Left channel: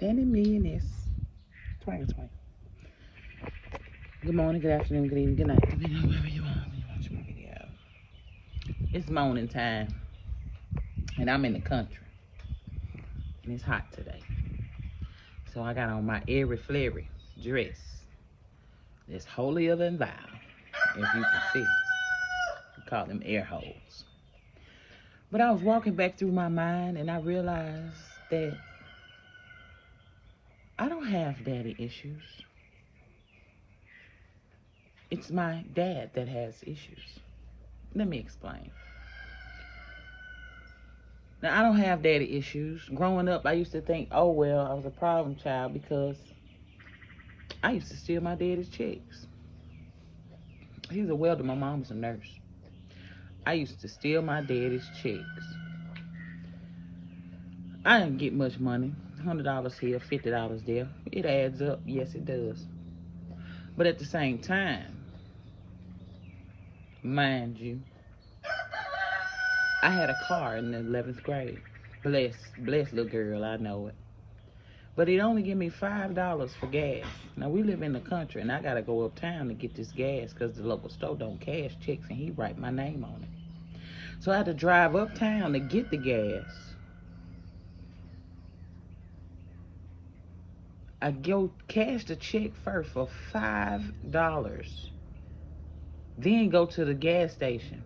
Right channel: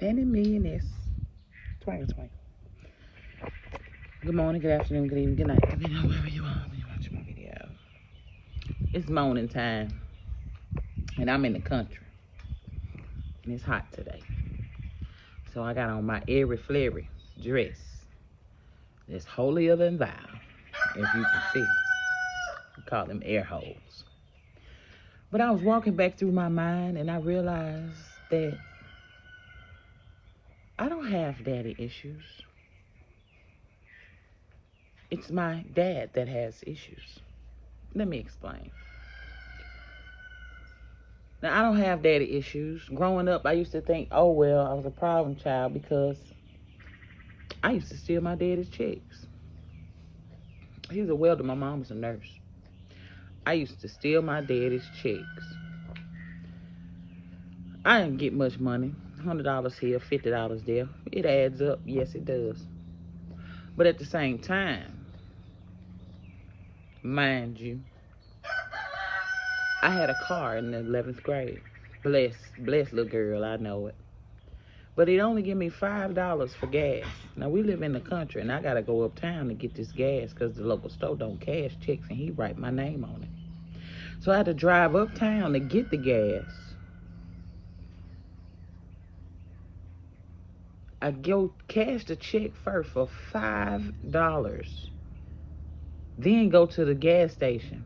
sending me in this twinkle. Good morning, good afternoon, good evening, good night, depending on wherever you are when you watch my video. It's morning time, and I'm in the country, and it's hot today. So I got on my airy flary dress. It's holier than thou, if you can see. We call them air holes. But I was walking back through my mind, and I realized that I don't have daddy issues. It's my dad that has issues. Let me explain. Now, I don't have daddy issues. Growing up, I used to think, oh, well, I was a problem child because I used to steal my daddy's checks. He was a welder. My mom was a nurse. I used to steal my daddy's checks. I didn't get much money. $100 here, $50 there. It adds up. Yes, it does. But at the same time, mind you, I had a car in the 11th grade. Bless little girl, I know it. But he'd only give me $5 for gas. Now, we live in the country, and I got to go uptown to get this gas because the local store don't cash checks, and he write my name on it. So I had to drive uptown to get the gas. I go cash the check first for $5. Then go to the gas station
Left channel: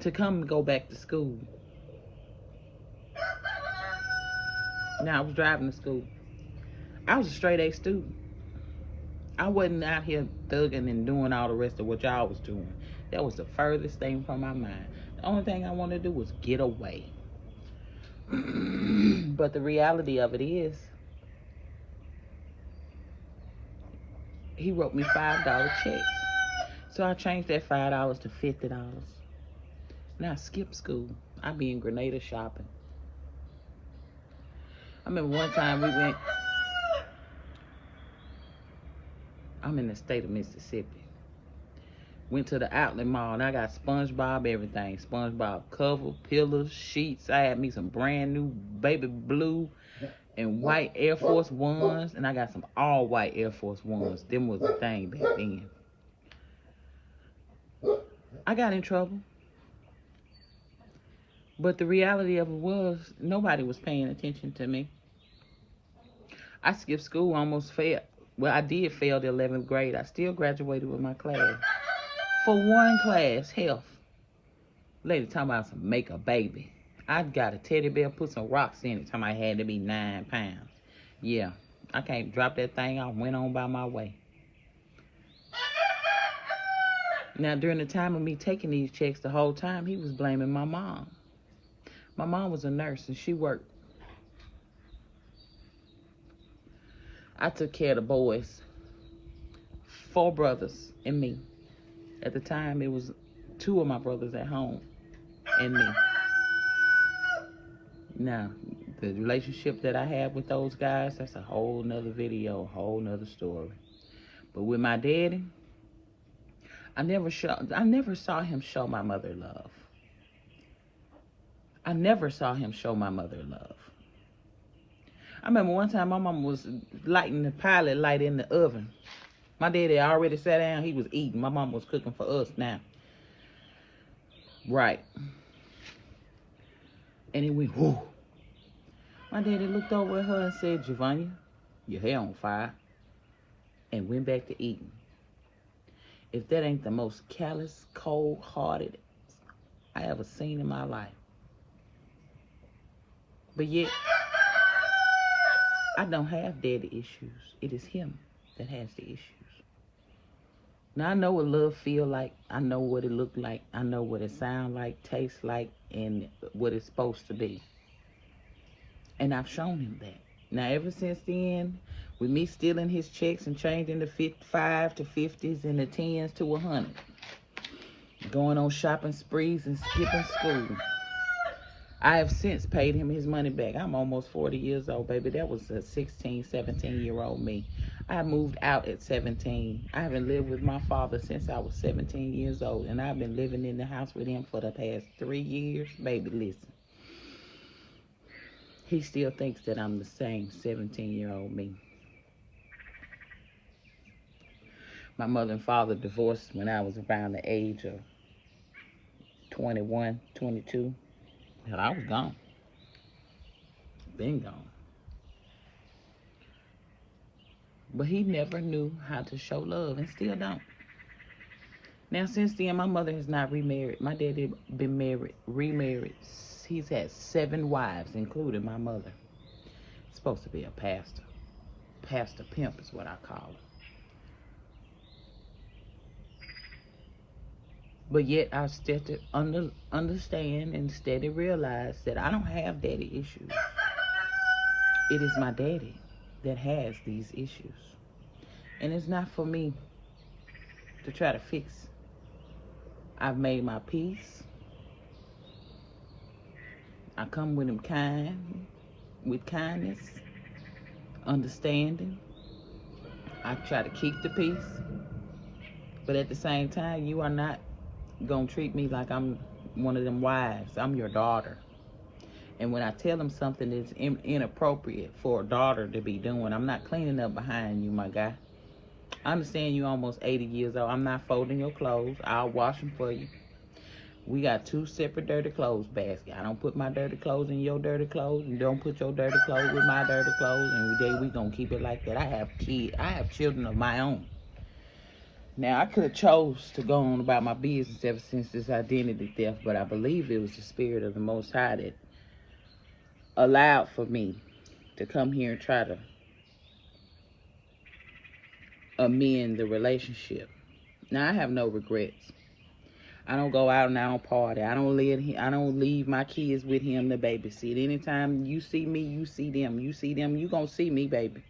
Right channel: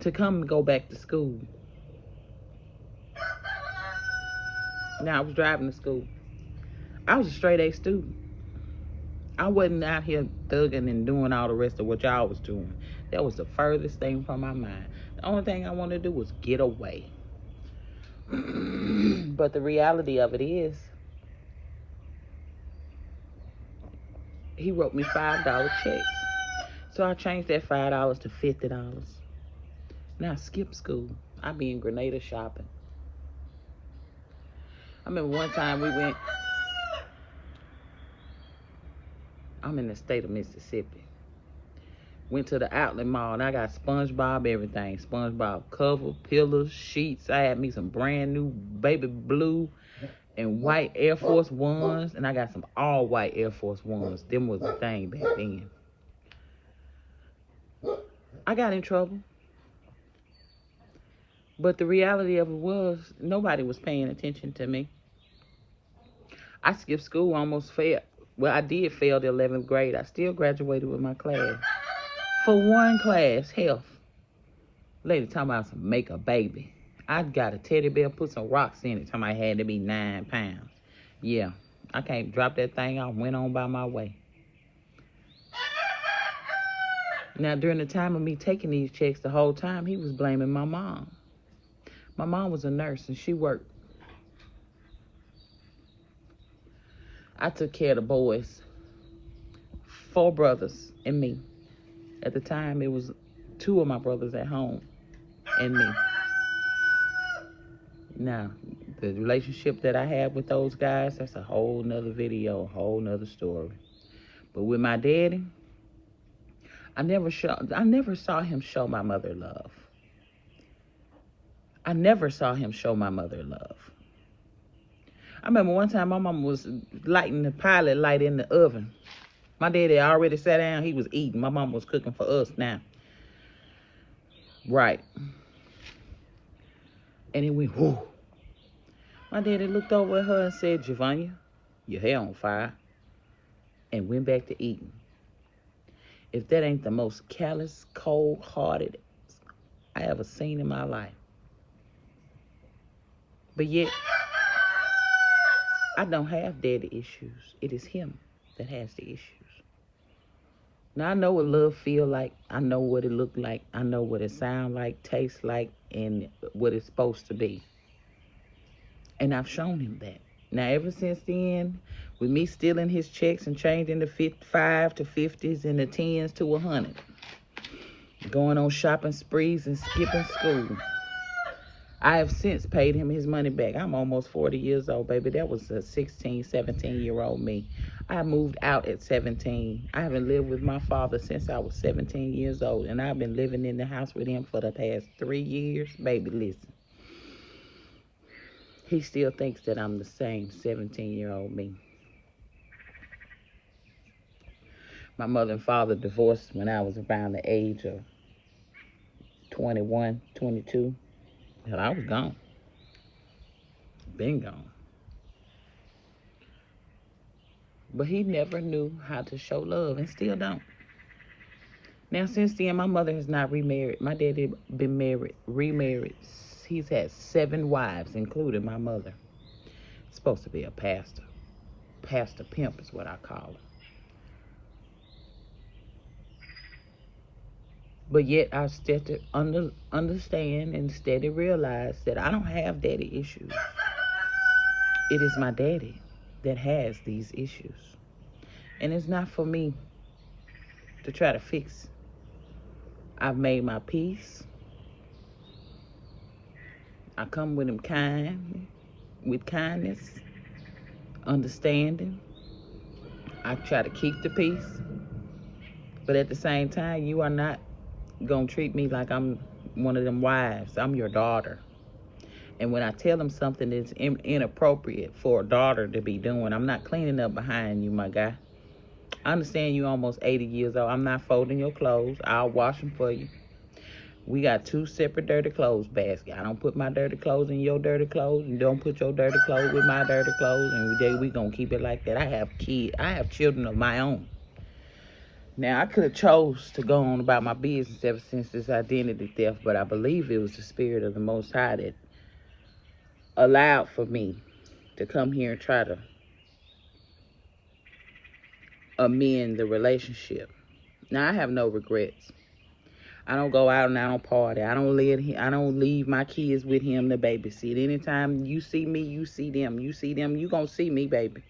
to come and go back to school. Now, I was driving to school. I was a straight A student. I wasn't out here thugging and doing all the rest of what y'all was doing. That was the furthest thing from my mind. The only thing I wanted to do was get away. But the reality of it is, he wrote me $5 checks. So I changed that $5 to $50. Now I skipped school. I be in Grenada shopping. I remember one time we went, I'm in the state of Mississippi. Went to the outlet mall, and I got SpongeBob everything. SpongeBob cover, pillows, sheets. I had me some brand new baby blue and white Air Force Ones, and I got some all white Air Force Ones. Them was the thing back then. I got in trouble. But the reality of it was, nobody was paying attention to me. I skipped school, almost failed. Well, I did fail the 11th grade. I still graduated with my class. For one class, health. Lady talking about some make a baby. I got a teddy bear, put some rocks in it. Talking about I had to be 9 pounds. Yeah, I can't drop that thing. I went on by my way. Now, during the time of me taking these checks, the whole time, he was blaming my mom. My mom was a nurse, and she worked. I took care of the boys. 4 brothers and me. At the time, it was 2 of my brothers at home and me. Now, the relationship that I had with those guys, that's a whole nother video, a whole nother story. But with my daddy, I never saw him show my mother love. I never saw him show my mother love. I remember one time my mama was lighting the pilot light in the oven. My daddy already sat down. He was eating. My mama was cooking for us now. Right. And it went, whoo. My daddy looked over at her and said, Javanya, your hair on fire. And went back to eating. If that ain't the most callous, cold-hearted I ever seen in my life. But yet, I don't have daddy issues. It is him that has the issues. Now, I know what love feel like. I know what it look like. I know what it sound like, tastes like, and what it's supposed to be. And I've shown him that. Now, ever since then, with me stealing his checks and changing the 55 to 50s and the 10s to 100, going on shopping sprees and skipping school, I have since paid him his money back. I'm almost 40 years old, baby. That was a 16, 17-year-old me. I moved out at 17. I haven't lived with my father since I was 17 years old, and I've been living in the house with him for the past 3 years. Baby, listen. he still thinks that I'm the same 17-year-old me. My mother and father divorced when I was around the age of 21, 22. Hell, I was gone. Been gone. But he never knew how to show love and still don't. Now, since then, my mother has not remarried. My daddy been remarried. He's had 7 wives, including my mother. Supposed to be a pastor. Pastor pimp is what I call him. But yet, I still understand and steady realize that I don't have daddy issues. It is my daddy that has these issues. And it's not for me to try to fix. I've made my peace. I come with him with kindness, understanding. I try to keep the peace. But at the same time, you are not going to treat me like I'm one of them wives. I'm your daughter. And when I tell him something that's inappropriate for a daughter to be doing, I'm not cleaning up behind you, my guy. I understand you almost 80 years old. I'm not folding your clothes. I'll wash them for you. We got 2 separate dirty clothes baskets. I don't put my dirty clothes in your dirty clothes, and don't put your dirty clothes with my dirty clothes, and we gonna keep it like that. I have children of my own. Now, I could have chose to go on about my business ever since this identity theft, but I believe it was the spirit of the Most High that allowed for me to come here and try to amend the relationship. Now, I have no regrets. I don't go out and I don't party. I don't leave my kids with him to babysit. Anytime you see me, you see them. You see them, you gonna see me, baby.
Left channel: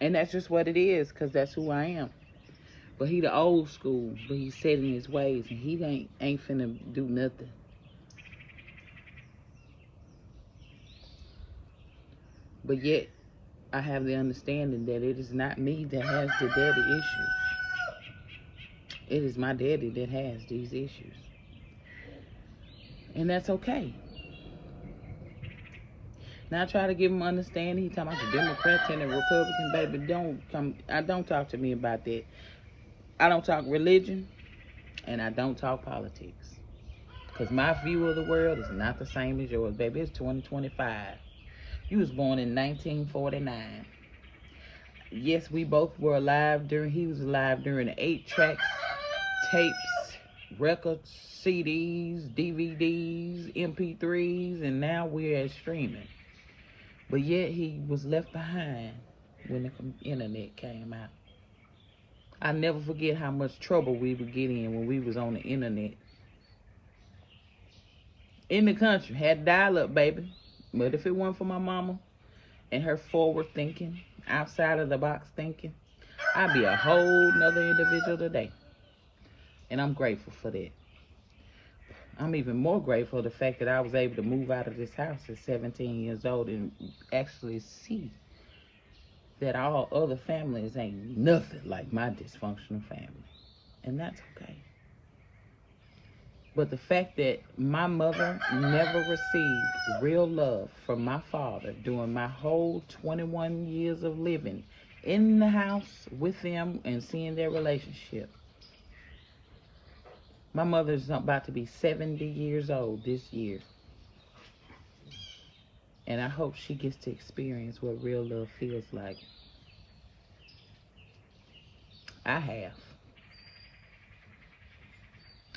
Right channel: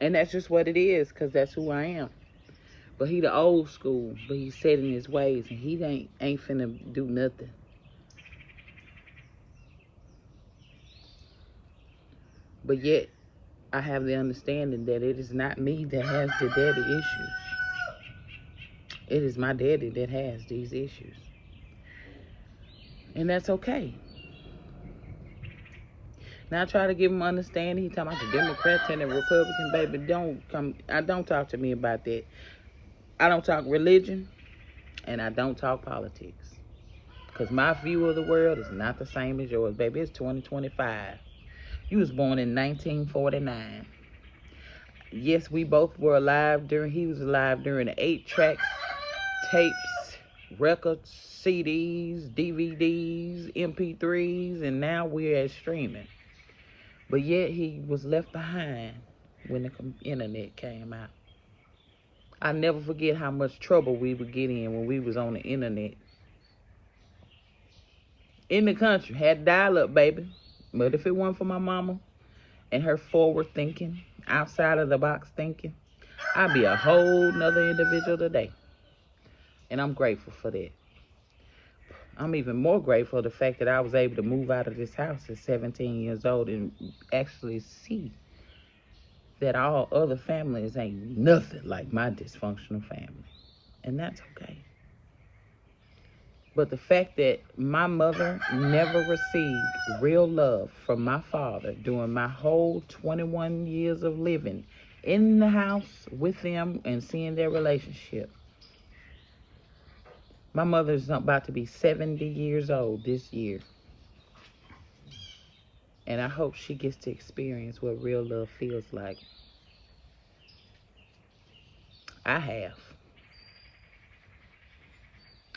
And that's just what it is, because that's who I am. But he the old school, but he's set in his ways, and he ain't finna do nothing. But yet, I have the understanding that it is not me that has the daddy issues. It is my daddy that has these issues. And that's okay. Now, I try to give him understanding. He talking about the Democrats and the Republicans, baby. Don't talk to me about that. I don't talk religion, and I don't talk politics. Because my view of the world is not the same as yours, baby. It's 2025. You was born in 1949. Yes, we both were alive he was alive during the 8 tracks, tapes, records, CDs, DVDs, MP3s, and now we're at streaming. But yet he was left behind when the internet came out. I never forget how much trouble we would get in when we was on the internet. In the country, had dial-up, baby. But if it weren't for my mama and her forward thinking, outside of the box thinking, I'd be a whole nother individual today. And I'm grateful for that. I'm even more grateful for the fact that I was able to move out of this house at 17 years old and actually see that all other families ain't nothing like my dysfunctional family. And that's okay. But the fact that my mother never received real love from my father during my whole 21 years of living in the house with them and seeing their relationship. My mother's about to be 70 years old this year. And I hope she gets to experience what real love feels like. I have.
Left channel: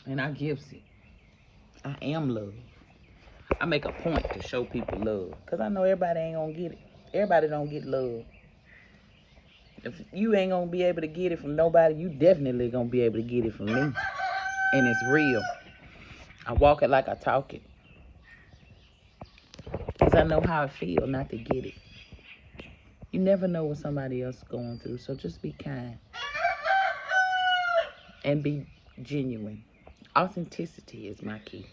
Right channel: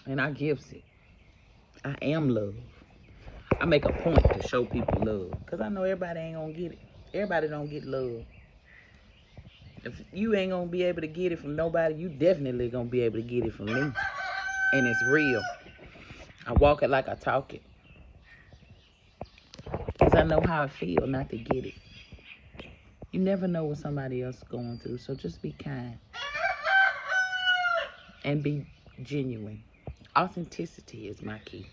And I gives it. I am love. I make a point to show people love. Because I know everybody ain't going to get it. Everybody don't get love. If you ain't going to be able to get it from nobody, you definitely going to be able to get it from me. And it's real. I walk it like I talk it. Because I know how it feels not to get it. You never know what somebody else is going through. So just be kind. And be genuine. Authenticity is my key.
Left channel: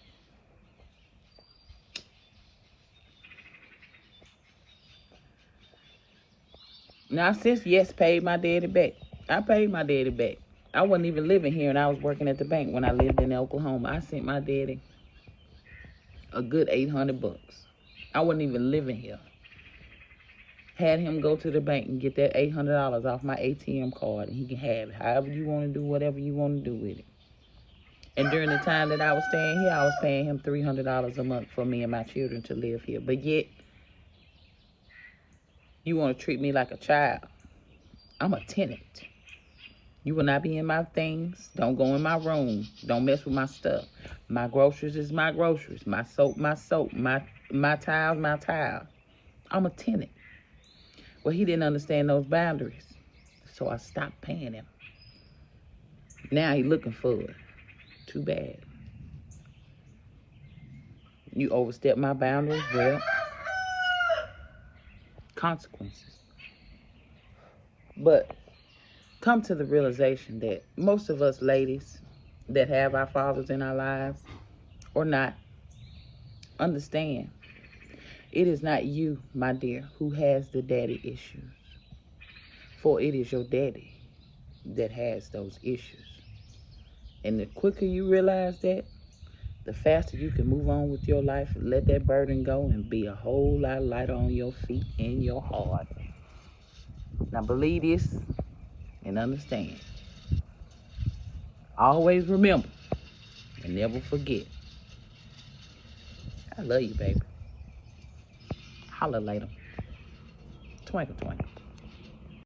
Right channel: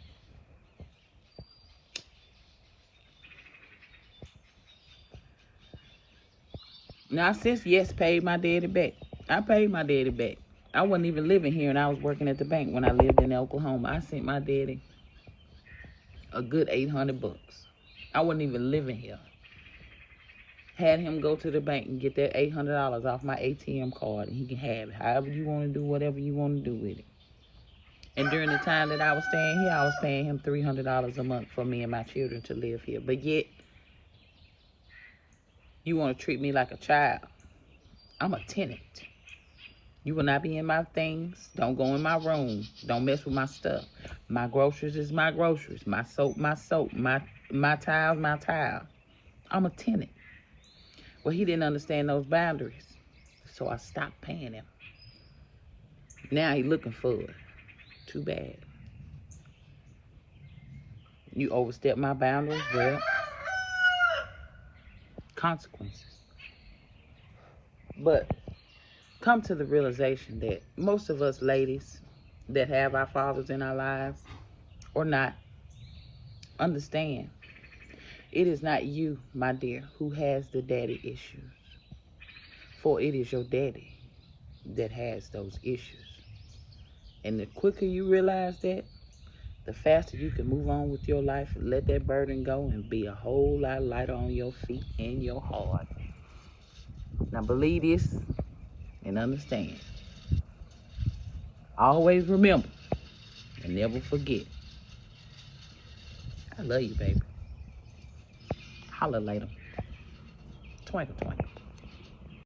Now, since Yes paid my daddy back, I paid my daddy back. I wasn't even living here, and I was working at the bank when I lived in Oklahoma. I sent my daddy a good $800. I wasn't even living here. Had him go to the bank and get that $800 off my ATM card, and he can have it however you want to do, whatever you want to do with it. And during the time that I was staying here, I was paying him $300 a month for me and my children to live here. But yet, you want to treat me like a child. I'm a tenant. You will not be in my things. Don't go in my room. Don't mess with my stuff. My groceries is my groceries. My soap, my soap. My towels, my towels. I'm a tenant. Well, he didn't understand those boundaries. So I stopped paying him. Now he looking for it. Too bad. You overstep my boundaries, well, consequences. But come to the realization that most of us ladies that have our fathers in our lives or not understand it is not you, my dear, who has the daddy issues. For it is your daddy that has those issues. And the quicker you realize that, the faster you can move on with your life and let that burden go and be a whole lot lighter on your feet and your heart. Now believe this and understand. Always remember and never forget. I love you, baby. Holla later. Twinkle, twinkle.